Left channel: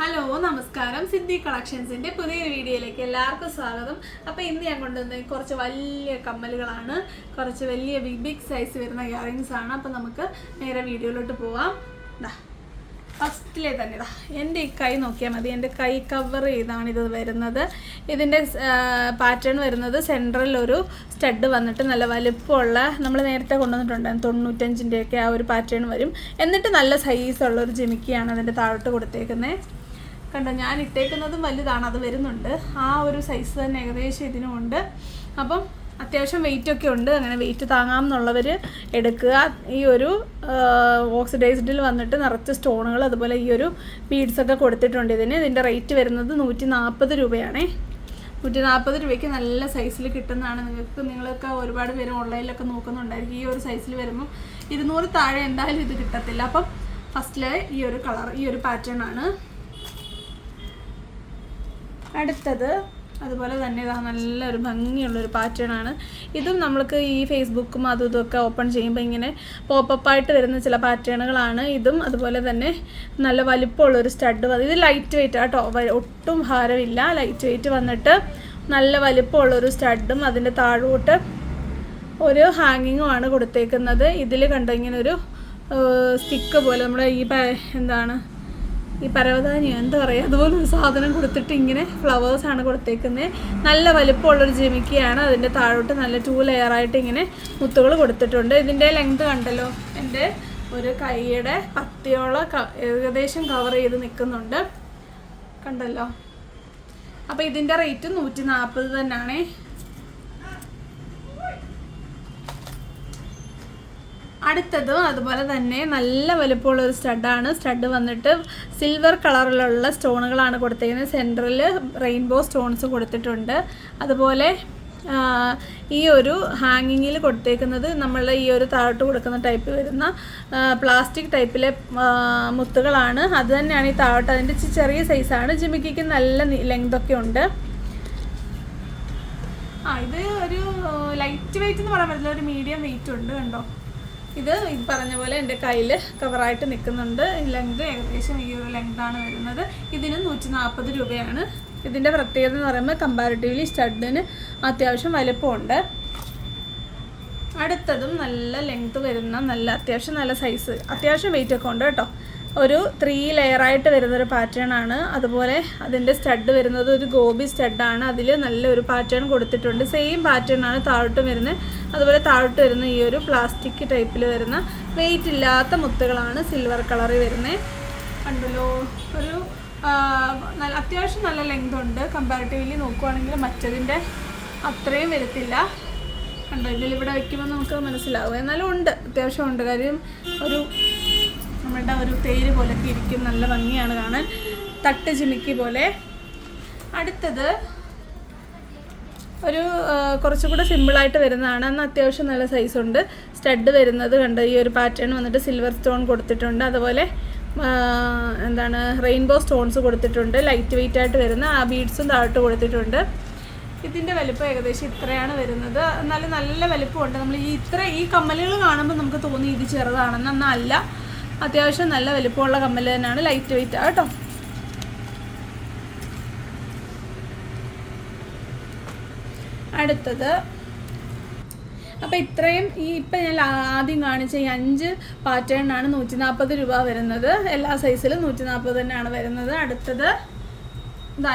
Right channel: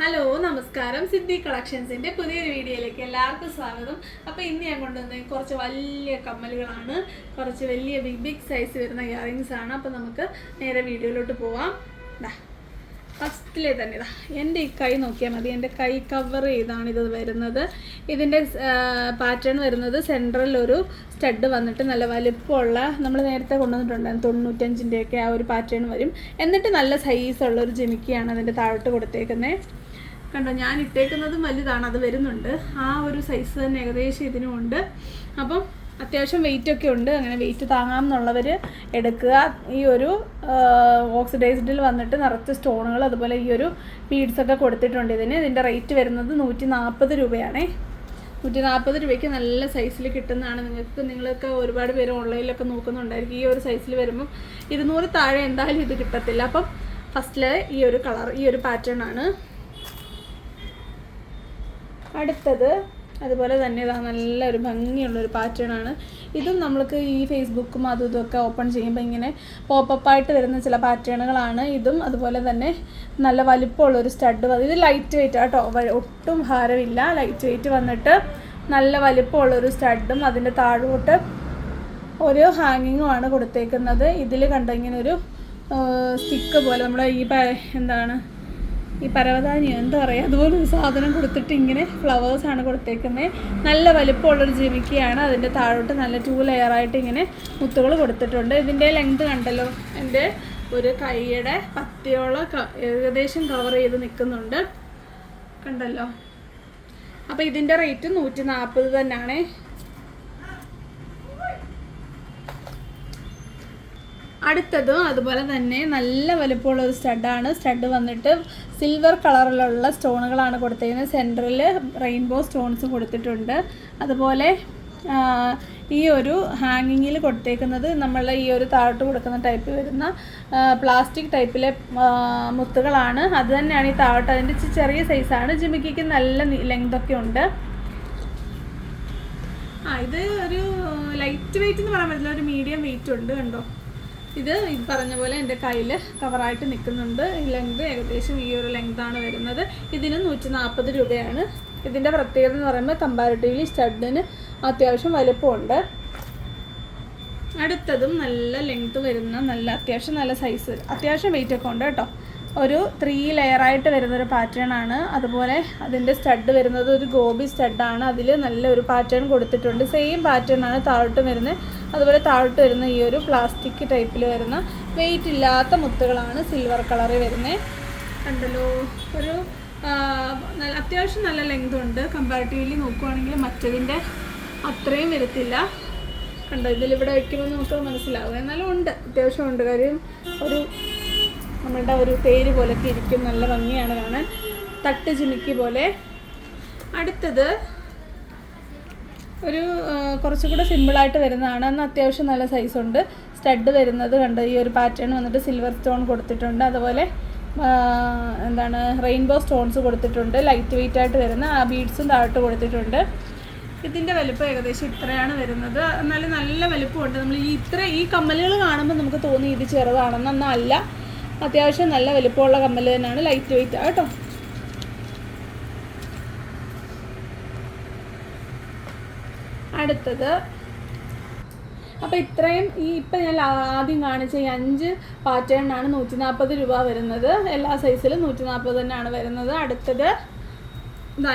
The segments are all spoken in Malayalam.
ഹലോ നമസ്കാരം. സിദ്ധി കളക്ഷൻസിൻ്റെ പുതിയൊരു വീഡിയോയിലേക്ക് എല്ലാവർക്കും സ്വാഗതം. അപ്പോൾ ഇന്ന് ഞാൻ കൊണ്ടുവന്നത് കുറച്ച് വലിയ കമ്മലുകളാണ്, കുറച്ച് വലിയ ബിഗ് സൈസ് വരുന്ന ഇയറിങ്സ് ആണ്. അപ്പോൾ നമുക്ക് നേരെ വീഡിയോയിലോട്ട് പോവാം. ഫസ്റ്റിലെ തന്നെ എൻ്റെ ഈ കൈ നോക്കിയാൽ മതി. എൻ്റെ കൈ കവർ ചെയ്താണ് ഇത് വരുന്നത്. ഇതിൻ്റെ പാറ്റേൺ വരുന്നത് സെൻട്രൽ ഒരു സ്റ്റഡ് വന്നിട്ട് നല്ല വലുപ്പമുള്ള, നമ്മൾ നേരത്തെ കൊണ്ടുവന്നിട്ടുണ്ടായിരുന്നു 95-ൻ്റെയൊക്കെ ആ ഒരു പാറ്റേൺ വരും. എന്നിട്ട് നല്ല സൈസുള്ളൊരു ജിമിക്കിയാണ് അതിൻ്റെ താഴോട്ട് കൊടുത്തേക്കുന്നത്. കണ്ടോ, ഞാൻ ഇട്ടേക്കുന്നതും വലുതാണ്, അത് വരുന്നുണ്ട്. ആ ഒരു സൈസ് തന്നെ ഏകദേശം ഇതിനുമുണ്ട്. അപ്പം അത്യാവശ്യം വെയിറ്റൊക്കെ ഉണ്ട്. അങ്ങനെ വെയിറ്റ് താങ്ങാമെന്നുള്ളവർ എടുക്കുക. ഈ ഒരു ഓക്സിഡൈസ്ഡിൽ വന്നിട്ട് നിറച്ച് സ്റ്റോണുകൾ, അതുപോലെ ഈ ഒരു ബീഡ്സൊക്കെ കൊടുത്തിട്ടുണ്ട് ഇതിൻ്റെ റേറ്റ് വരുന്നത് 140 രൂപയാണേ. 140 രൂപയ്ക്ക് നല്ല സൈസിൽ കിട്ടുന്നതാണ്. നിങ്ങൾക്ക് ഒരുപാട് പേര് ഓൺലൈനിലൊക്കെ നോക്കുന്നുണ്ടായിരിക്കും. ഈ ഒരു സൈസിൽ വരുമ്പം 200 താഴെ എന്തായാലും ഇത് കിട്ടത്തില്ല. അപ്പം ഫസ്റ്റിൽ ഈ ഒരു കളർ, ഈ ഒരു പാറ്റേൺ ആണ്. അടുത്തത് അതുപോലെ തന്നെ ഇതാ നല്ലൊരു ഭംഗിയുള്ളൊരു പാറ്റേൺ ആണ്. ഇതും നമ്മൾക്ക് ഈ ഫേസ്ബുക്കും അതും ഇതൊക്കെ ഓപ്പൺ ചെയ്യുമ്പോൾ ഇങ്ങനെ പോപ്പപ്പായിട്ട് വരുന്ന ചില പാറ്റേണുകളാണ് ഇതും. അതുപോലെ തന്നെ നല്ല വലിപ്പമുള്ളൊരു സ്റ്റഡ് ഇത് ലൈറ്റ് വെയിറ്റ് കേട്ടോ, ഒട്ടും ഭാരമില്ല. ലൈറ്റ് വെയിറ്റ് വന്നിട്ട് നല്ല വലിപ്പമുള്ളൊരു സ്റ്റഡും അതിൻ്റെ താഴോട്ട് ഒരു ഹാങ്ങിങ്ങുമാണ് കൊടുത്തേക്കുന്നത്. ഇതിൽ കണ്ടോ ഇങ്ങനെ ഒരു സ്റ്റിക്ക് പോലെ, നമ്മൾ ഈ പരവതാനിയോ എന്താ പറയുക, അതുപോലെ ഒരു സാധനം കൊടുത്തിട്ട് ഇങ്ങനെ ഫ്ലവേഴ്സാണ് കൊടുത്തേക്കുന്നത്. നല്ല വലിപ്പമുള്ളൊരു ജിമിക്കിയാണ്. അതിൻ്റെ താഴോട്ട് നല്ല 2 ലെയറായിട്ട് ഇങ്ങനെ മുത്തുകൾ കൊടുത്തിട്ടുണ്ട്. ഇതിൻ്റെ ലെങ്ത് കണ്ടല്ലോ, എൻ്റെ ഒരു കൈയുടെ പത്തിയോളം ഏകദേശം കവർ ചെയ്ത് നിൽക്കുന്നുണ്ട്, കണ്ടല്ലോ. അപ്പോൾ ഇതിൻ്റെ റേറ്റ് 140 തന്നെയാണ്. അടുത്തതും അതുപോലെ തന്നെ നല്ല വലുപ്പമുള്ള ഒരു സ്റ്റഡാണ്. സ്റ്റഡ് വന്നിട്ട് സിൽവർ കളറിലുള്ള സ്റ്റോണുകളാണ് കൊടുത്തിരിക്കുന്നത്. സെൻറ്ററിൽ റെയിൻബോ സ്റ്റോൺസ് കൊടുത്തിട്ടുണ്ട്. അതുപോലെ ഈ ഒരു ഹാങ്ങിങ്ങിൽ കൊടുത്തേക്കുന്നത് നമ്മൾ ഈ ഒരു താഴോട്ട് കൊടുക്കുന്ന ടൈപ്പ് വരുന്ന പ്ലാസ്റ്റിക് ടൈപ്പിലെ മുത്തുകളാണ്. അത് തന്നെയാണ് ഈ താഴോട്ട്. അതിൻ്റെ ചെറിയ സൈസാണ്. ജിമിക്കിക്ക് നല്ല ലെങ്തൊക്കെ ഉണ്ട്. ഇത് ഒരു ലൈറ്റ് വെയിറ്റ് എന്ന് പറയാൻ പറ്റില്ല, ഒരു മീഡിയം വെയിറ്റ് ഉണ്ട്. കണ്ടോ, ഇത് പറഞ്ഞ പോലെ എൻ്റെ കയ്യിൽ കവറായിട്ട് നിൽക്കുന്നുണ്ട്. ലെങ്ത് ഏകദേശം ഈ ഒരു ലെങ്താണ് വരുന്നത്. ഇതിന് 140 രൂപയാണ്. ഇതിൻ്റെ പ്രത്യേകത എന്ന് പറയുമ്പോൾ കമ്പാരിറ്റീവ്ലി സ്റ്റഡിന് അത്യാവശ്യം വലുപ്പമുണ്ട്. അടുത്തതും നല്ല ലെങ്ത് വരുന്ന നല്ല അത്യാവശ്യം നല്ല സൈസ്, അത്യാവശ്യം വെയിറ്റൊക്കെ ഉണ്ട് കേട്ടോ. ഒരു 3 ലെയറായിട്ട് വരുന്നൊരു പാറ്റേൺ ആണ്. അതുപോലെ അതിൻ്റെ സ്റ്റഡ് വരുന്നത് ഒരു ഗോബി സ്റ്റഡാണ്. അതിൽ നല്ലൊരു പാറ്റേൺ കൊടുത്തിട്ടുണ്ട്. സെയിം പാറ്റേൺ ആണ് താഴോട്ടും വരുന്നത്. അതുപോലെ താഴോട്ട് വരുന്ന ഈ ഒരു പ്ലാസ്റ്റിക് ടൈപ്പിൽ വരുന്ന വെയിറ്റ് ഇല്ലാത്ത മുത്തുകളാണ് സിൽവർ കളറിൽ വരുന്നത്. കണ്ടല്ലോ, ഒരു അത്യാവശ്യം നല്ല ലെങ്ത് ഉണ്ട്. കമ്പാരിറ്റീവ്ലി നോക്കുവാണെങ്കിൽ മറ്റതിൻ്റെ അത്രയും വരത്തില്ല. കണ്ടോ, ഇതിലിവിടെ വയ്ക്കുമ്പോൾ നമുക്ക് മനസ്സിലാവും. എന്നാലും ഉണ്ട്, അത്യാവശ്യം ഉണ്ട്. കാര്യം ഒരു നമ്മളുടെ ഒരു തേര് പോലൊക്കെ ഇരിക്കും. നല്ല ഭംഗിയാണ് കാണാൻ, തട്ട് ജിമിക്കി പോലെ. അടുത്തത് ഒരു കുറച്ചുകൂടെ സിമ്പിളായിട്ട് വരുന്നതാണ്. അന്ന് അത്യാവശ്യം നല്ല സൈസുണ്ട്. സ്റ്റഡ് വരുന്നത് കണ്ട് ഈ ഒരു പാറ്റേൺ വന്നിട്ട് സിൽവർ സ്റ്റോൺ കൊടുത്തിട്ടുണ്ട്. അതുപോലെ റെയിൻബോ സ്റ്റോൺസ് കൊടുത്തിട്ടുണ്ട്. ലൈറ്റ് വെയിറ്റ് ആയിട്ട് വരുന്ന ആ ബീഡ്സും താഴോട്ട് കൊടുത്തിട്ടുണ്ട്. ഇതിൻ്റെ വലുപ്പം ഏകദേശം ഇത്രയാണ് വരുന്നത്. എന്നാലും നല്ല വലുപ്പമുണ്ട്. നമ്മൾ ഈ കമ്മലുകൾ കാണുമ്പോൾ നമുക്ക് തോന്നി ഇത് ചെറുതാണെന്ന്. എന്നല്ല, അത്യാവശ്യം നല്ല വലുപ്പമുള്ള കമ്മൽ തന്നെയാണ്. ലൈറ്റ് വെയിറ്റ് കേട്ടോ. അടുത്തത് അപ്പോൾ ഇത്രയും ഇപ്പം ഞാൻ ആദ്യം കാണിച്ച ഈ 5 പാറ്റേണിനാണ് 140 രൂപ വരുന്നത്. എല്ലാ സൈസിലും 140 തന്നെയാണ് വരുന്നത്. അടുത്തത്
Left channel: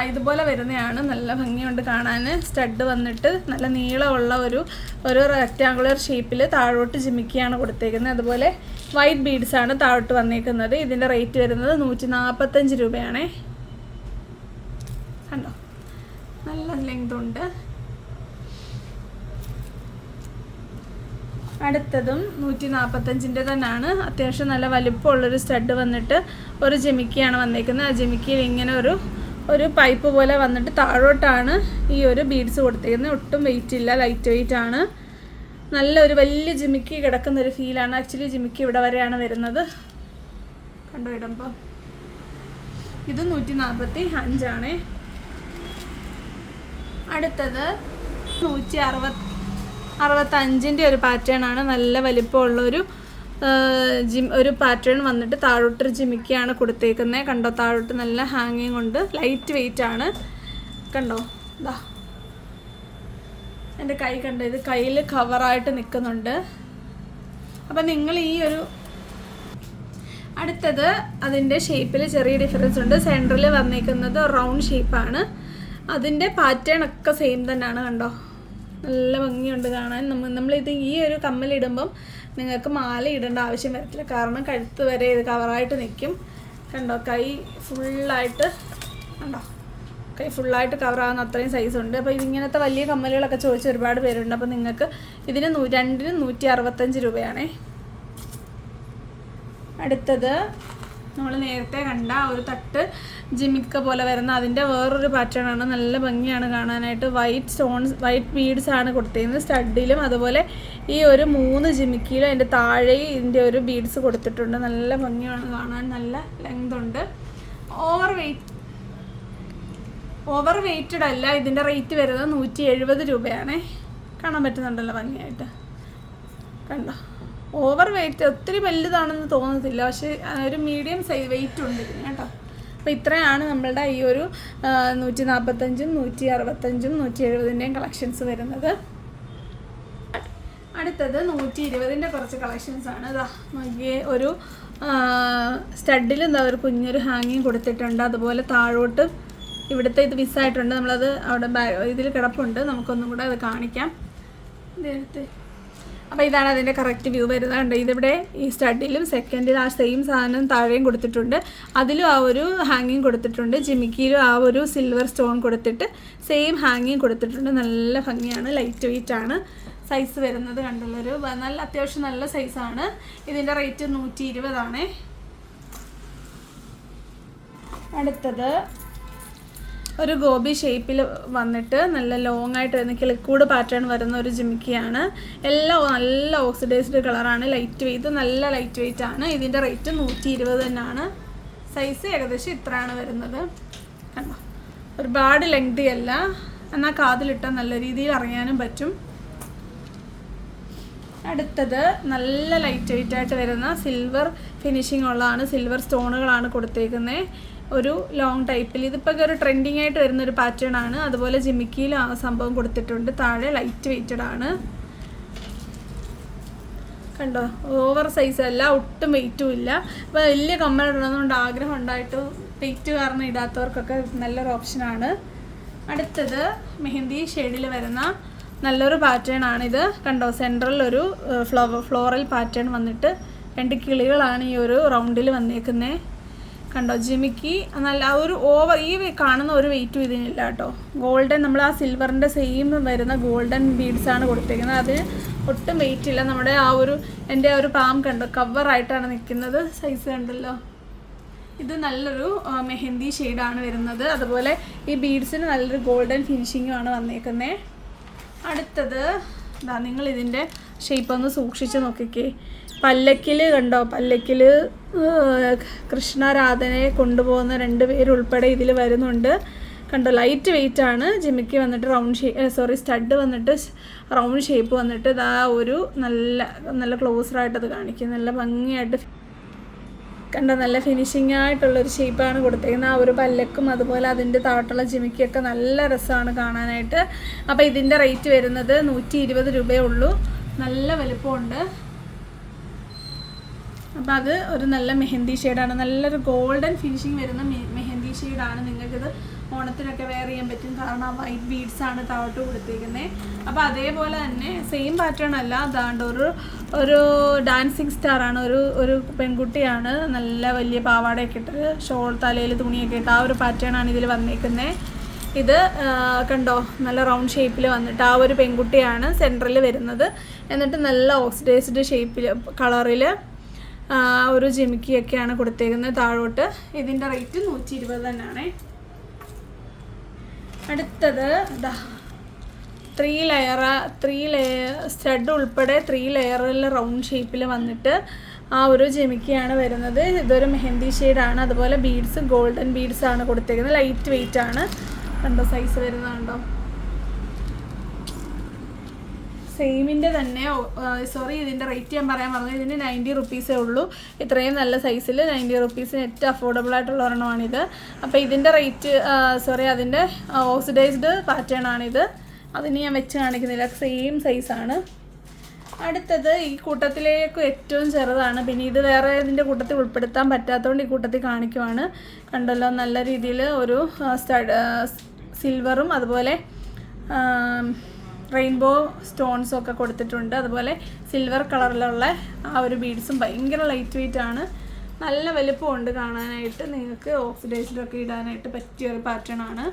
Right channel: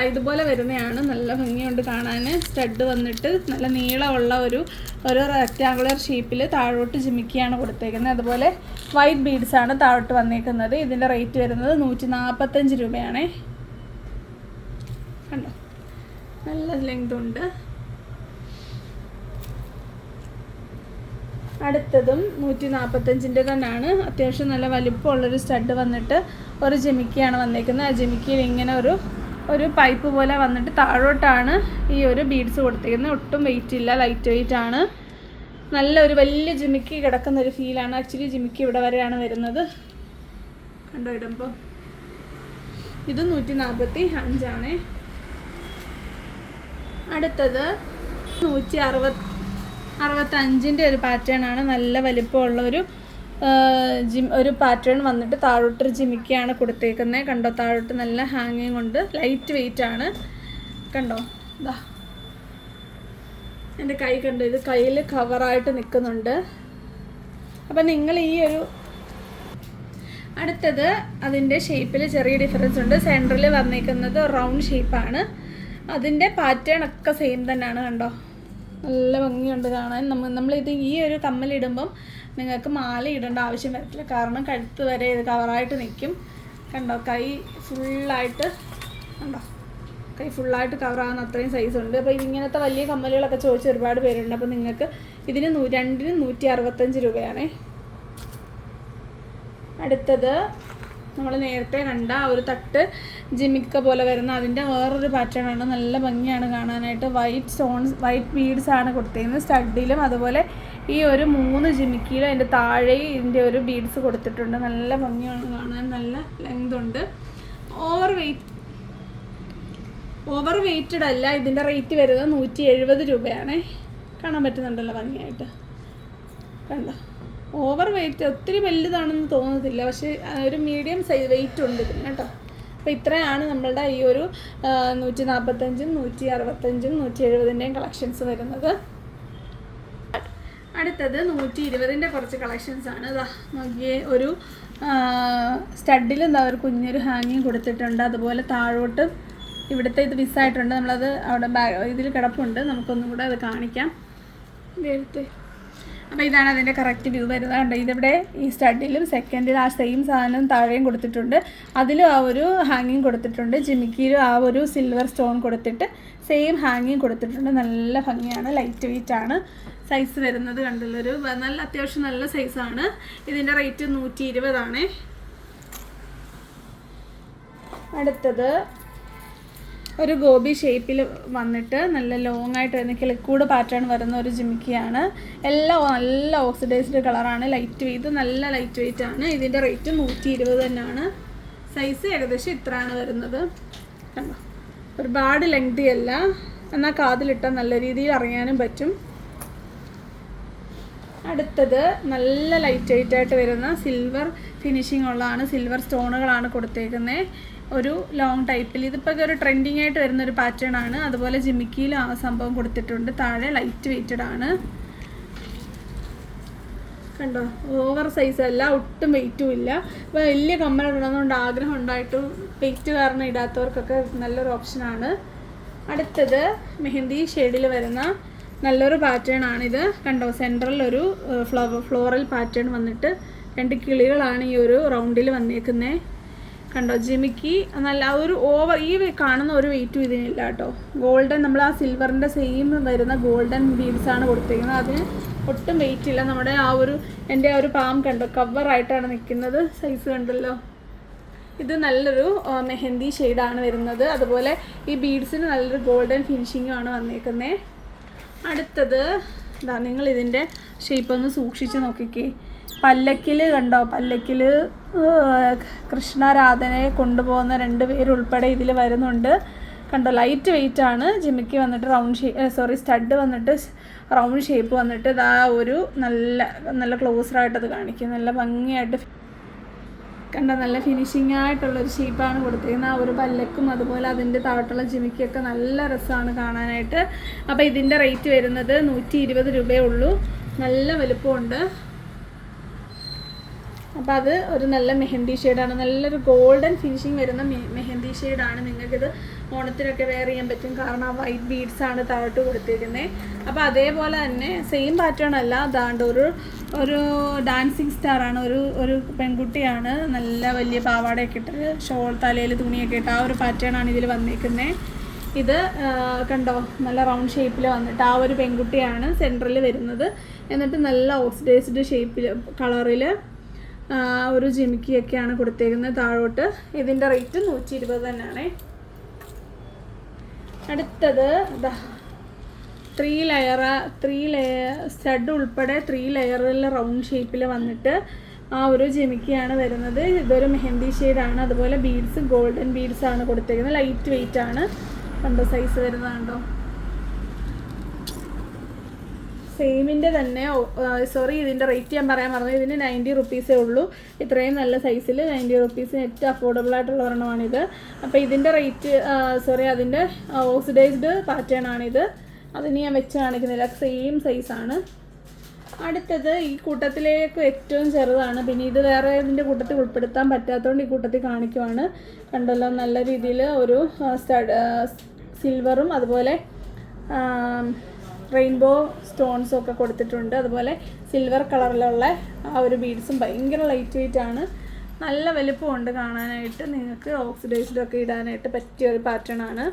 ഇതുപോലെ വരുന്നതാണ്. നല്ല ഭംഗിയുണ്ട് കാണാൻ. സ്റ്റഡ് വന്നിട്ട് നല്ല നീളമുള്ള ഒരു റെക്റ്റാങ്കുലർ ഷേപ്പിൽ താഴോട്ട് ജിമിക്കിയാണ് കൊടുത്തേക്കുന്നത്. അതുപോലെ വൈറ്റ് ബീഡ്സാണ് താഴോട്ട് വന്നേക്കുന്നത്. ഇതിൻ്റെ റേറ്റ് വരുന്നത് 145 രൂപയാണേ. കണ്ടോ, നല്ല ലെങ്തുണ്ട്. അടുത്തതും 145-ൻ്റെ തന്നെയാണ്. അത്യാവശ്യം നല്ല വലുപ്പമുള്ളൊരു സ്റ്റഡ് വന്നിട്ട് ഒരു ജിമിക്കിയാണ് വന്നേക്കുന്നത്. ആ ജിമിക്കിയിൽ ഇങ്ങനെ ഒരു പൈപ്പ് പോലെ വന്നിട്ട് താഴോട്ടാണ് ഈ ഒരു ബീഡ്സ് കൊടുത്തിരിക്കുന്നത്. ഒട്ടും വെയിറ്റ് ഇല്ല, ലൈറ്റ് വെയിറ്റ് ആണ്. നല്ലൊരു വലിയ ജിമിക്കി കിടക്കുന്നൊരു ഫീലാണ്. ആക്ച്വലി ജിമിക്കി ഇവിടെ വരെയാണ് വരുന്നത്. കണ്ടോ ഇടുമ്പോൾ. ഇത് 145 ആണ്. അടുത്തത് 165-ൻ്റെ ഒരു പാറ്റേൺ ആണ്. നല്ല വലിപ്പമുള്ളൊരു ഒരു പാറ്റേൺ വന്നിട്ട് താഴോട്ടൊരു ജിമിക്കിയാണ് കൊടുത്തേക്കുന്നത്. കണ്ടോ, താഴോട്ട് നല്ല ഹാങ്ങിങ് കൊണ്ട് ലൈറ്റ് വെയിറ്റ് ആണ്. കണ്ടോ, ദാ എൻ്റെ കൈ കണ്ടോ, ഇത് കയ്യിൽ കവറായിട്ട് നിൽക്കുന്നുണ്ട്. അപ്പം നിങ്ങൾ ഈ ഒരു അടുത്തത് അതിൻ്റെ ഷേപ്പിൽ ചെറിയ ഡിഫറൻസ് ഉണ്ട്. സെൻറ്ററിൽ വന്നേക്കുന്നത് റൗണ്ട് ഷേപ്പാണ്. അതിൻ്റെ പാറ്റേൺ ഒക്കെ സെയിം തന്നെയാണ്. കണ്ടോ, നല്ല ഭംഗിയുണ്ട് കാണാൻ. നമ്മളിത് ഈ ഒരു കമ്മലിടുമ്പം നിങ്ങൾക്ക് മാല ഇടേണ്ട ആവശ്യം വരത്തില്ല, കാരണം കഴുത്ത് വരെ ഇത് കവറായിട്ട് നിൽക്കും. കണ്ടോ, കൈ ഫുള്ളായിട്ട് കണ്ടോ, കൈ ഫുള്ളായിട്ട് കവറാകുന്ന അത്രയും സൈസുണ്ട്. അപ്പോൾ ഇങ്ങനത്തെ വലിയ കമ്മലുകളൊക്കെ ചോദിച്ച് ഒരുപാട് പേരുണ്ട്. അപ്പോൾ നിങ്ങൾക്ക് ഇതിന് രണ്ടിന് 165 രൂപയാണേ. അടുത്തത് നമ്മൾ നേരത്തെ കണ്ട ഒരു തട്ട് ജിമിക്ക പോലെ വരുന്ന അതിൻ്റെ വേറൊരു പാറ്റേണാണ്. നല്ല ഭംഗിയാണ് കാണാനായിട്ട്. വൈറ്റ് ബീഡ്സ് ആണ് കൊടുത്തിരിക്കുന്നത് സ്റ്റഡിലും. അതുപോലെ ഈ ഒരു 3 ജിമിക്കിയിലും അതിൻ്റെ താഴെ ഇതിൻ്റെ ഒരു ബീഡ്സ് കൊടുത്തിട്ടുണ്ട്. നല്ല ഭംഗിയാണ് കാണാൻ, നല്ല ലെങ്ത് ഉണ്ട്. ഓവർ വെയ്റ്റഡ് അല്ല. ഇതിൻ്റെ റേറ്റ് വരുന്നത് 170 രൂപയാണേ. കാണാൻ പറ്റുന്നുണ്ടല്ലോ ഭംഗിയായിട്ട്. കണ്ടോ, ഓവർ വെയ്റ്റ് ഒത്തിരി വലുതാണെന്ന് തോന്നത്തില്ല, പക്ഷേ ഒരു മീഡിയം സൈസ് വെയിറ്റ് ഉണ്ട് ഇതിന് കേട്ടോ. അപ്പോൾ ഇത്രയാണ് നമ്മളുടെ ഈ ഒരു 145, 165, 170 കളക്ഷൻസ് വരുന്നത്. അടുത്തത് 120 കുറച്ച് കളക്ഷൻസ് ആണ്. ഇതാ നോക്കിയേ, ഒരു സ്റ്റഡിൽ എന്താ ഒരു കുഞ്ഞൊരു ഹാങ്ങിങ് കൊടുത്തിട്ടുണ്ട്. അതുപോലെ താഴോട്ട് ഇവിടുത്തെ ഇത് മിസ്സായിട്ടുണ്ട്, നമ്മളത് അവിടെ ഇതിൽ കിടപ്പുണ്ട്. നമുക്കൊന്നും കൂടെ അത് കാണിക്കാം നേരത്തെ. അപ്പോൾ ഇതാണ് അതിൻ്റെ കറക്റ്റ് വ്യൂ വരുന്നത്. കണ്ടോ, ഇതിവിടെ ഈ സ്റ്റഡിലും സെക്കൻഡിൽ ആ സെയിം സാധനം താഴെയും കൊടുത്തിട്ടുണ്ട്. അതിലും ആ ഒരു ഹാങ്ങിങ് കൊടുത്തിട്ടുണ്ട്. ജിമിക്കിയിലും ആ ഒരു സിൽവർ സ്റ്റോൺ കൊടുത്തിട്ട് സെയിം ഹാങ്ങിങ് കൊടുത്തിട്ടുണ്ട്. നല്ല ഭംഗിയാണ്, ലൈറ്റ് വെയിറ്റ് ആണ്. സൈസ് വരുന്നത് കണ്ടല്ലോ, ഒരു നല്ല അത്യാവശ്യം നല്ല സൈസാണ്. ഇതിൻ്റെ റേറ്റ് 120 ആണേ. അടുത്തത് ഒരു ഗോബി ഷേപ്പിൽ വന്നിട്ട് നല്ല ലോങ് ആയിട്ട് വരുന്ന കിളിക്കൂട് പാറ്റേൺ വരുന്ന ഒരു ജിമിക്കിയാണ്. എല്ലാം നല്ല ഓക്സിഡൈസ്ഡ് കളറാണ്. ലൈറ്റ് വെയ്റ്റ്, നല്ല ലൈറ്റ് വെയിറ്റ് ആണ്. ഇതിൻ്റെ റേറ്റ് 120 തന്നെയാണ്. സൈസ് ഏകദേശം ഇത്രയാണ് വരുന്നത്. ഒരുപാട് ലെങ്തി അല്ല, എന്നാൽ കാതിലിട്ടാൽ നല്ല രീതിയിൽ അറിയാനും പറ്റും. അടുത്തത് നല്ല ലൈറ്റ് വെയിറ്റ് ആയിട്ട് വരുന്ന സിൽവർ ഫിനിഷിംഗ് ഉള്ളതാണ്. സിൽവർ സ്റ്റോണുകളാണ് കൊടുത്തേക്കുന്നത്. ഒരു ലോങ് ടൈപ്പിൽ. ഇതിപ്പോൾ ഒരു ട്രെൻഡിങ് ആയിട്ട് വരുന്നൊരു പാറ്റേൺ ആണ്. അതുപോലെ ജിമിക്കിയിലും ആ സംഭവം കൊടുത്തിട്ടുണ്ട്. താഴെ ലൈറ്റ് വെയിറ്റഡ് ആണ്. കണ്ടോ, ഓവർ സൈസ് അല്ല, ഒട്ടും വെയിറ്റും ഇല്ല. അപ്പോൾ വലിയ കമ്മൽ ഇടണമെന്നുകൊണ്ട് ആഗ്രഹം ഉണ്ടായിട്ട് വെയിറ്റ് കാരണം ഇടാത്തവർക്കൊക്കെ നല്ലൊരു ഓപ്ഷനാണ്. അടുത്തത് മെഹന്തി ഷെയ്ഡിൽ വരുന്ന നല്ലൊരു പാറ്റേൺ ആണിത്. കണ്ടോ, സെൻട്രൽ ഒരു ഫ്ലോറൽ പാറ്റേൺ വന്നിട്ട് 2 കിളികളാണ് ഈ ഒരു റൗണ്ടിൽ വന്നേക്കുന്നത്. കണ്ടോ, ജിമിക്കി നല്ല ഒരു ഈ കാണുന്ന ഒരു വെയിറ്റും ഇതിനില്ല കേട്ടോ. ഗോൾഡൻ, നമ്മൾ ആ സിൽവറിൻ്റെ സെയിം വരുന്ന ഗോൾഡൻ ബീഡ്സാണ് കൊടുത്തേക്കുന്നത്. അത് ഒട്ടും വെയിറ്റ് ഇല്ല. നമ്മുടെ ആ ഒരു എൻ്റെ ഒരു പാം കണ്ടോ, കവറായിട്ടാണ് നിൽക്കുന്നത്. സൈസ് കണ്ടല്ലോ. ഇത് നല്ലൊരു മെഹന്തി ഷെയ്ഡാണ് വരുന്നത്. അതുപോലെ ഈ ബീഡ്സിന് നല്ലൊരു ഗോൾഡൻ ഫിനിഷിങ്ങുമാണ് വന്നേക്കുന്നത്. അടുത്തത് ഇതാ, നിങ്ങൾ ഇതിൻ്റെ ഷേപ്പ് ഒന്ന് സൂക്ഷിച്ച് നോക്കിക്കേ. പല്ലക്കിൽ കണ്ടോ, പല്ലക്കിൽ കൃഷ്ണരാധനെ കൊണ്ടുപോകുന്ന 2 പേരുൾപ്പെടെ ഇതിൽ വരുന്നുണ്ട്. കണ്ടോ, ലൈറ്റ് വെയിറ്റ് ആണ്. ജിമിക്ക് വന്നിട്ട് സ്റ്റഡ് വന്നിട്ട് റൗണ്ട് ഷേപ്പ് വന്നിട്ട് ഇതാ ഒരു നല്ല ക്ലോസറായിട്ടത് കാണിക്കും. നല്ല ഭംഗിയായിട്ട് കണ്ടോ, നല്ല ഫിനിഷിംഗ് ആയിട്ടുള്ളൊരു ഷേപ്പാണ് കൊടുത്തേക്കുന്നത്. ആ ഒരു പല്ലക്കും അതുപോലെ അതിൻ്റെ താഴോട്ടുള്ള ജിമിക്കൊക്കെ നല്ല രസമാണ് കാണാനായിട്ട്. അപ്പോൾ ഇതിൻ്റെ റേറ്റ് വരുന്നത് 120 രൂപയേ ഉള്ളൂ. നല്ല വലുപ്പമുണ്ട്. അപ്പോൾ അത് ഒരു നല്ല മെഹന്തി ഷെയ്ഡാണ്. നല്ലൊരു ഗോൾഡൻ ഫിനിഷിങ് വരുന്ന മെഹന്തി ഷെയ്ഡാണ്. നിങ്ങൾക്കിത് ഓണത്തിനൊക്കെ വെയർ ചെയ്യാൻ പറ്റും, കാരണം ആ വൈറ്റ് ബീഡ്സാണ് താഴോട്ട് കൊടുത്തേക്കുന്നത്. അപ്പോൾ അതേപോലെ തന്നെ സെയിം പാറ്റേൺ അല്ല, അതാണ്ട് ഒരു ഡാൻസിങ് സ്റ്റാറാണ്. ഒരു പെൺകുട്ടിയാണ്, നല്ല വലിയ പാവാടയൊക്കെ ഇട്ട് ഷോൾ തലയിൽ തുണിയൊക്കെ ഇട്ട് ആ ഒരു പാറ്റേൺ ആണ് ഇതിൽ വന്നേക്കുന്നത്. ഇത് കണ്ടോ, നല്ല റൗണ്ട് ഷേപ്പിൽ വന്നിട്ട് ആ ഒരു പെൺകുട്ടിയാണ് സെൻറ്ററിൽ വരുന്നത്. എന്നിട്ട് നല്ല ഓക്സിഡൈസ്ഡ് ഷേപ്പിൽ കളറിൽ ഒരു ജിമിക്കിയൊക്കെയാണ് കൊടുത്തേക്കുന്നത് താഴോട്ട്. ഇതിൻ്റെ റേറ്റ് 120 തന്നെയാണ്. അടുത്തത് ഇതാ 3 ലെയർ സ്റ്റഡ് ഉൾപ്പെടെ 3 ലെയറിൽ റൗണ്ട് ഷേപ്പിൽ വന്നിട്ട് ആ ഒരു ജിമിക്കിയാണ് വരുന്നത്. ഇതൊരു മെഹന്തി ഷെയ്ഡാണ്. അതുപോലെ ബീഡ്സ് ഗോൾഡൻ ബീഡ്സാണ് കൊടുത്തേക്കുന്നത്. ലൈറ്റ് വെയിറ്റ് ആണ്. കണ്ടോ, സൈസ് വരുന്നതുണ്ടോ. സെയിമിൻ്റെ തന്നെ സോറി, ഇതിൻ്റെ റേറ്റ് ഞാൻ പറയാൻ പറഞ്ഞത്, ഇതിന് 90 റുപ്പീസേ ഉള്ളൂ. ഇത്രയും നല്ല സൈസിൽ 90 റുപ്പീസിന് ഏറ്റവും അഫോർഡബിൾ ആയിട്ടുള്ള ഒരെണ്ണമാണിത്. അപ്പോൾ ഇതിൻ്റെ റേറ്റ് അതിൻ്റെ ഓക്സിഡൈസ്ഡ് പാറ്റേൺ ആണിത്. അതിന് ഞാൻ വെച്ച് കാണിക്കുന്നില്ല, സെയിം സൈസാണ്. അടുത്തത് ഈ കൂട്ടത്തിലേക്ക് ഏറ്റവും ചെറുതാണ്. പിന്നെ ഇത് വേറെ ഇതിൻ്റെ കൂട്ടത്തിൽ ഉൾപ്പെടുത്താൻ പറ്റാത്തതുകൊണ്ട് ഈ കൂട്ടത്തിൽ കാണിക്കുവാണ്. കണ്ടല്ലോ, നല്ല രീതിയിൽ ഒരു സിൽവറും അതുപോലെ റെയിൻബോ സ്റ്റോൺസും ഒക്കെ കൊടുത്തിട്ടുണ്ട്. അതുപോലെ സിൽവർ കളറിലുള്ള ആ ഒരു ബീഡ്സും ഭയങ്കര ലൈറ്റ് വെയിറ്റ് ആണ്. നല്ല വലുപ്പമുണ്ട് കാണാനായിട്ട്. നിങ്ങൾക്ക് ഓക്സിഡൈസ്ഡൊക്കെ ഇടാനായിട്ട് പറ്റിയ ഒരു പാറ്റേൺ ആണ്.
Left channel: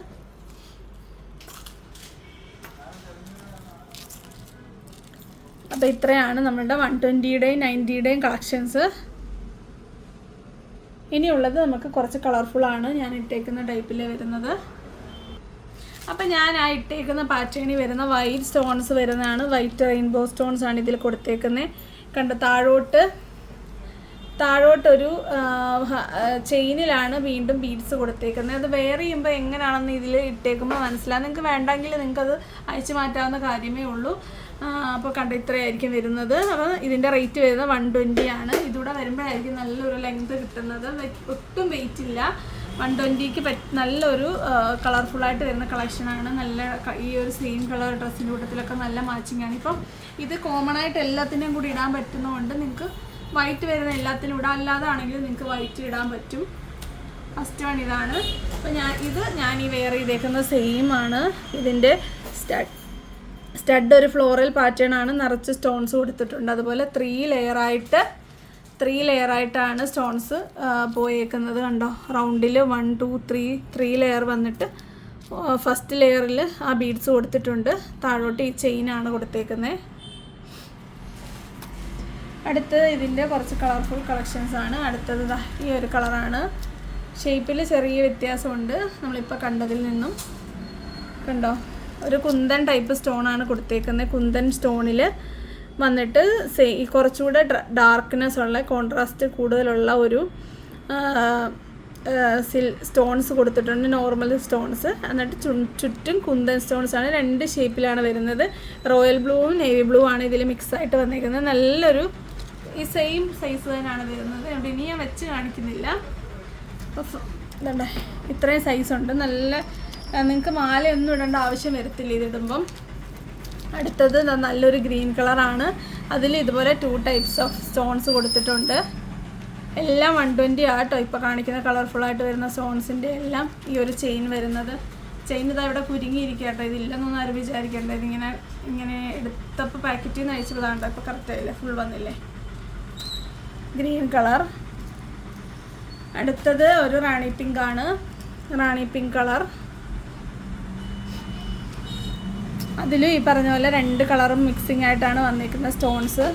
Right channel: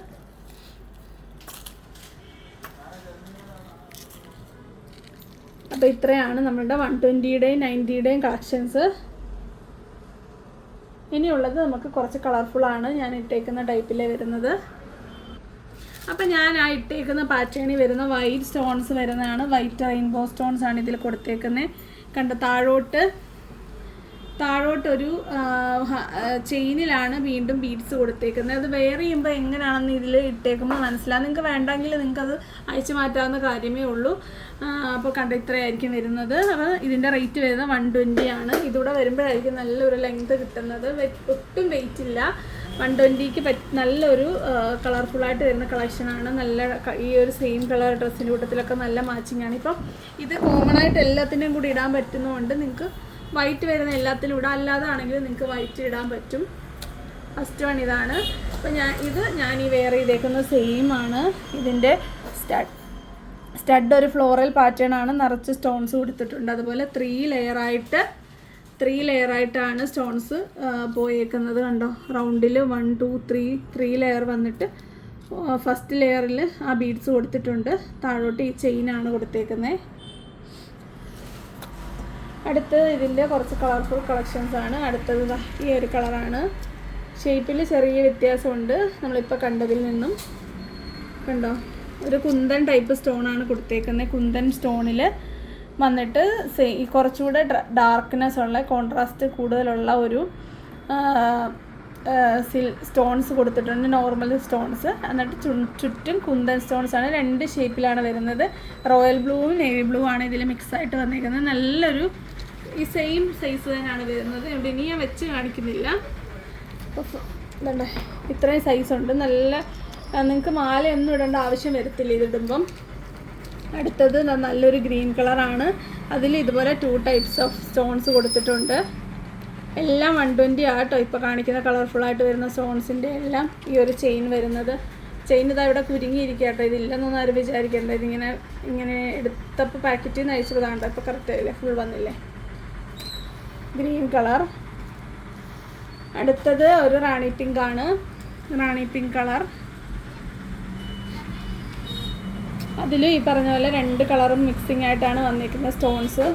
അപ്പോൾ ഇത്രയാണ് നമ്മുടെ 120യുടെയും 90യുടെയും കളക്ഷൻസ്. ഇനിയുള്ളത് നമുക്ക് കുറച്ച് കളർഫുള്ളാണ് ഞാൻ ഇട്ടേക്കുന്ന ടൈപ്പിലേ വരുന്നത്. അപ്പം ഞാൻ ആ ഇട്ടേക്കുന്ന പാറ്റേണിൽ വരുന്ന വൈറ്റ് സ്റ്റോൺസ് വരുന്നതാണ്. വൈറ്റ് റെയിൻബോ സ്റ്റോൺസ് ആണ് ഇതിൽ കൊടുത്തേക്കുന്നത്. കണ്ടോ, താഴോട്ടൊരു ചെയിനിലാണ് വീണ്ടും ബീഡ്സ് കൊടുത്തേക്കുന്നത്. അത് വെയർ ചെയ്യുമ്പോൾ എങ്ങനെയാണെന്ന് ഇതിൽ ഇട്ടേക്കുമ്പോൾ മനസ്സിലാവും. നിങ്ങൾക്ക് വേണ്ടെങ്കിൽ നിങ്ങൾക്കത് അയച്ചു മാറ്റാവുന്ന കാര്യമേ ഉള്ളൂ. അപ്പോൾ കണ്ടോ, ഇത്രയായിരിക്കും വരുന്നത്. അപ്പോൾ ഇതിൻ്റെ റേറ്റ് വരുന്നത് 120 ആണ്. ഇതൂടെ വരുമ്പോഴായിരിക്കും നല്ലൊരു ലെങ്ത് കിട്ടുന്നത്. ഒട്ടും വെയിറ്റ് ഇല്ല. 120ക്ക് നല്ലൊരു കളർഫുള്ളായിട്ട് വരുന്ന കളക്ഷനാണ്. നല്ല ഈ ഒരു സെയിം കളർ ഡ്രസ്സിൻ്റെ കൂട്ടത്തിലൊക്കെ നല്ല മാച്ചിങ് ആണ്. ഇപ്പം ഇത് കോമൺ ആയിട്ട് എല്ലാത്തിൻ്റെയും കൂടി ഇടാൻ പറ്റുന്നതുകൊണ്ട് നിങ്ങൾക്ക് വൈറ്റ് വരുന്ന എല്ലാത്തിനും ഇടാം. അല്ലാതെ ആണെങ്കിൽ നിങ്ങൾക്ക് വൈറ്റ് ഇടാൻ പറ്റും. ഫസ്റ്റ് വൺ ഇതാണ്. അപ്പോൾ ഞാൻ ഈ വെയർ ചെയ്തേക്കുന്ന സെയിം ആണ്. ഇതിൻ്റെ സ്റ്റഡ് ഒരു ഫ്ലോറൽ പാറ്റേൺ ആണ്. നിറച്ച് സ്റ്റോൺസ് കൊടുത്തിട്ടുണ്ട്. അതുപോലെ 3 ലെയറായിട്ടാണ് സ്റ്റോൺസ് പോയേക്കുന്നത്. കണ്ടോ, റൗണ്ടിൽ 1 2 3 ലെയർ വന്നിട്ട് ഫസ്റ്റ് ലെയറിൽ ആ ബീഡ്സ് കൊടുത്തിട്ടുണ്ട്. താഴോട്ട് ഈ ചെയിനാണ് കൊടുത്തേക്കുന്നത്. അടുത്തത് ഇതിൻ്റെ കുറച്ച് കളർഫുൾ കളക്ഷൻസ് ആണ്. അടുത്തത് ഈ ഒരു കളറാണ്. ഷേപ്പിൽ ചെറിയ വ്യത്യാസമുണ്ട് നമ്മളിപ്പോൾ കണ്ടതിൽ നിന്നും. കണ്ടോ, ഒരു കുന്തൻ ടൈപ്പ് സ്റ്റോണാണ് കൊടുത്തേക്കുന്നത്. കുന്തൻ സ്റ്റോണിൽ വന്നിട്ട് കുറച്ചുകൂടെ ഡാർക്ക്നെസ് ഉള്ള, കോൺട്രാസ്റ്റ് കൂടുതലുള്ള ഒരു സ്റ്റോൺസ് കൊടുത്തിട്ടുണ്ട്. നോർമൽ സ്റ്റോൺസ്, എന്നിട്ട് ചുറ്റും കുന്തൻ സ്റ്റോൺസ് ആണ്. 2 ഷേപ്പിലാണ് വരുന്നത്. റോയൽ ബ്ലൂവും നേവി ബ്ലൂ ആണ് ഇതിൽ മിക്സായിട്ട് വന്നിരിക്കുന്നത്. നല്ലൊരു ഈ സെയിം സൈസ് തന്നെയാണ് വരുന്നത്. അതുകൊണ്ട് ഇനി ഞാൻ വെച്ച് കാണിക്കുന്നില്ല. ഇത്രയും സൈസുണ്ട്. നല്ല, നിങ്ങൾക്ക് മാലയൊന്നും ഇടേണ്ട ആവശ്യം വരത്തില്ല ഇതിടുമ്പം. അടുത്തത് നല്ലൊരു ഗ്രീൻ കളറാണ്. അതിൽ ഇതുപോലെ 2 ടൈപ്സ് ഓഫ് സ്റ്റോൺസ് കൊടുത്തിട്ടുണ്ട്. എല്ലാം 120 ആട്ടോ ഇപ്പോൾ കാണിക്കുന്ന കളർഫുള്ളായിട്ട് വരുന്ന സ്റ്റോൺസിൻ്റെ എല്ലാം. ഈ ഒരു ചെയിൻ വരുന്നത്, ചെയിൻ ഇതാ ഇവിടെ കുരുങ്ങിയിരിക്കുക കേട്ടോ. ഇതില്ലെന്നൊന്നും ആരും വിചാരിക്കേണ്ടത്. ഇങ്ങനെ എടുത്തപ്പോൾ പാക്കറ്റിൽ നിന്ന് അയച്ചതാണ്. അപ്പോൾ കറക്റ്റായില്ലേ, ഫുൾ വന്നില്ലേ. Green colour. അടുത്തത് ഒരു റാണി പിങ്ക് ആണ്. റാണി പിങ്ക് കളർ. അതിൽ ഈ പറഞ്ഞ പോലെ 2 കളറും മിക്സിംഗ് ആയിട്ടാണ് വന്നിരിക്കുന്ന സ്റ്റോൺസ്.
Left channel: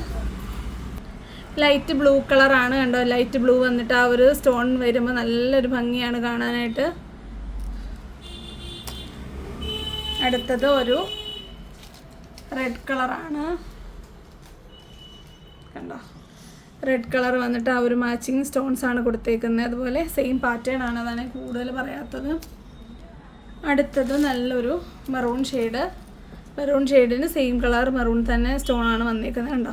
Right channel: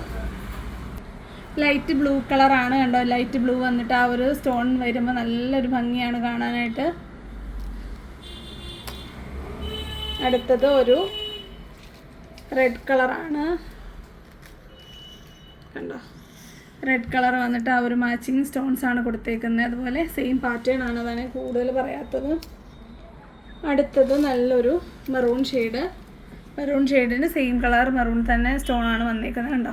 ലൈറ്റ് ബ്ലൂ കളറാണ്. കണ്ടോ, ലൈറ്റ് ബ്ലൂ വന്നിട്ട് ആ ഒരു സ്റ്റോൺ വരുമ്പോൾ നല്ലൊരു ഭംഗിയാണ് കാണാനായിട്ട്. അടുത്തത് ഒരു റെഡ് കളറാണ്. കണ്ടോ, റെഡ് കളർ വന്നിട്ട് ആ ഒരു മാച്ചിങ് സ്റ്റോൺസ് ആണ് കൊടുത്തേക്കുന്നത്. അതുപോലെ സെയിം പാറ്റേൺ ആണ്, അതാണ് കൂടുതൽ പറയാത്തത്. അടുത്തത് നല്ലൊരു മെറൂൺ ഷെയ്ഡ്. മെറൂൺ ഷെയ്ഡിന് സെയിം കളർ മെറൂൺ തന്നെ സ്റ്റോണാണ് വന്നിരിക്കുന്നത്. കണ്ടോ,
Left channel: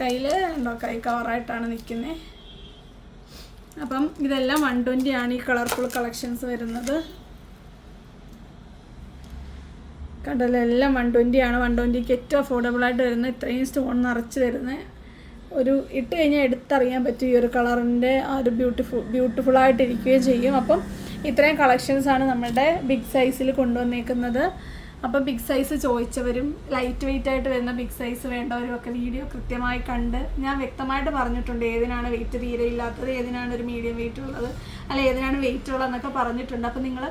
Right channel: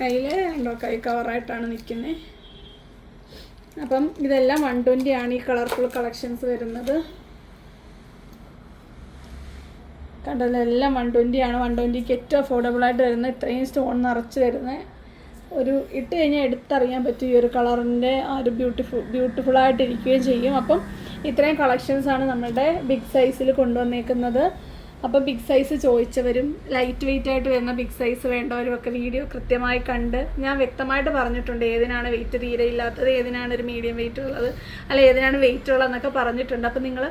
കയ്യിൽ കണ്ടോ, കൈ കവറായിട്ടാണ് നിൽക്കുന്നത്. അപ്പം ഇതെല്ലാം 120 ആണ് ഈ കളർഫുൾ കളക്ഷൻസ് വരുന്നത്. കണ്ടല്ലോ, എല്ലാം 120 ആണ്. 120ക്ക് ഏറ്റവും അഫോർഡബിളായിട്ട് വരുന്ന, ഇത്രയും സ്റ്റോൺ നിറച്ച് വരുന്നത്. ഒരു ഇട്ട് കഴിഞ്ഞാൽ എടുത്തറിയാൻ പറ്റും ഈ ഒരു കളറിൻ്റെ ആ ഒരു ബ്യൂട്ടിഫുള്ളായിട്ടിരിക്കുകയും ചെയ്യും. അപ്പം ഇത്രയും കളക്ഷൻസാണ് നമ്മളുടെ ബിഗ് സൈസിൽ കൊണ്ടുവന്നേക്കുന്നത്. അപ്പോൾ ബിഗ് സൈസ് ചോദിച്ചവരും ലൈറ്റ് വെയിറ്റ് ആയിട്ട് വരുന്ന ബിഗ് സൈസ് വേണ്ടവരും ഒക്കെ വീഡിയോ കൃത്യമായി കണ്ട് ഞാൻ വ്യക്തമായിട്ട് പറഞ്ഞിട്ടുണ്ട്. ഏതിനാണ് വെയിറ്റ് തീരെ ഇല്ലാത്തത്, ഏതിനാണ് ഒരു മീഡിയം വെയിറ്റ് ഉള്ളത്, അല്ല ഏതിനാണ് വെയിറ്റ് ഉള്ളതെന്നൊക്കെ പറഞ്ഞിട്ടുണ്ട്. അപ്പോൾ നിങ്ങൾ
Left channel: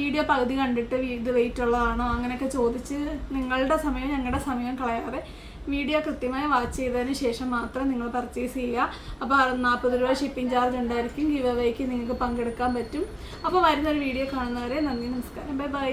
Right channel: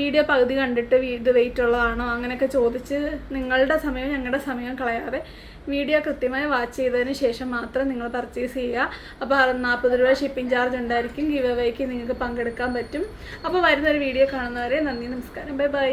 വീഡിയോ പകുതി കണ്ടിട്ട് ഇത് വെയിറ്റ് ഉള്ളതാണോ അങ്ങനെയൊക്കെ ചോദിച്ച് നിങ്ങളുടെ സമയം ഞങ്ങളുടെ സമയം കളയാതെ വീഡിയോ കൃത്യമായി വാച്ച് ചെയ്തതിന് ശേഷം മാത്രം നിങ്ങൾ പർച്ചേസ് ചെയ്യുക. അപ്പോൾ 40 രൂപ ഷിപ്പിംഗ് ചാർജ് ഉണ്ടായിരിക്കും. ഗിവ് അവേക്ക് നിങ്ങൾക്ക് പങ്കെടുക്കാൻ പറ്റും. അപ്പോൾ വരുന്നൊരു വീഡിയോ കാണുന്നവരെ നന്ദി, നമസ്കാരം, ബൈ ബൈ.